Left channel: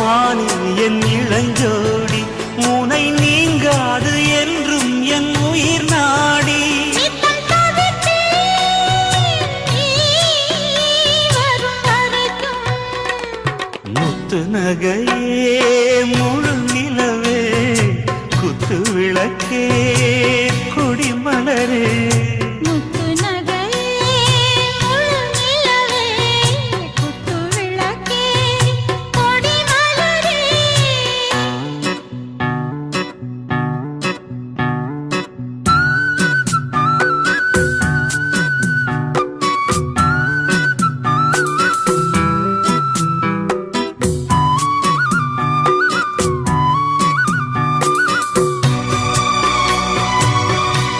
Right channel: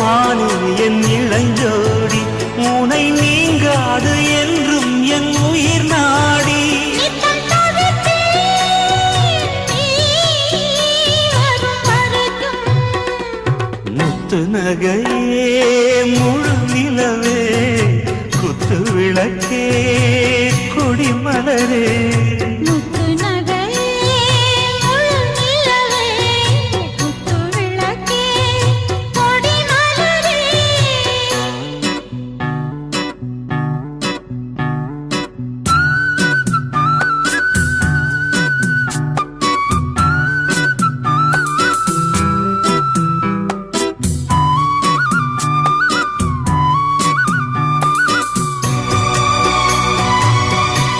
மானே என் இளஞ்சோடி உனை நீங்காது என்றும் என் உயிர் நாடி முத்து நகையே முழு நிலவே குத்து விளக்கே கொடிமலரே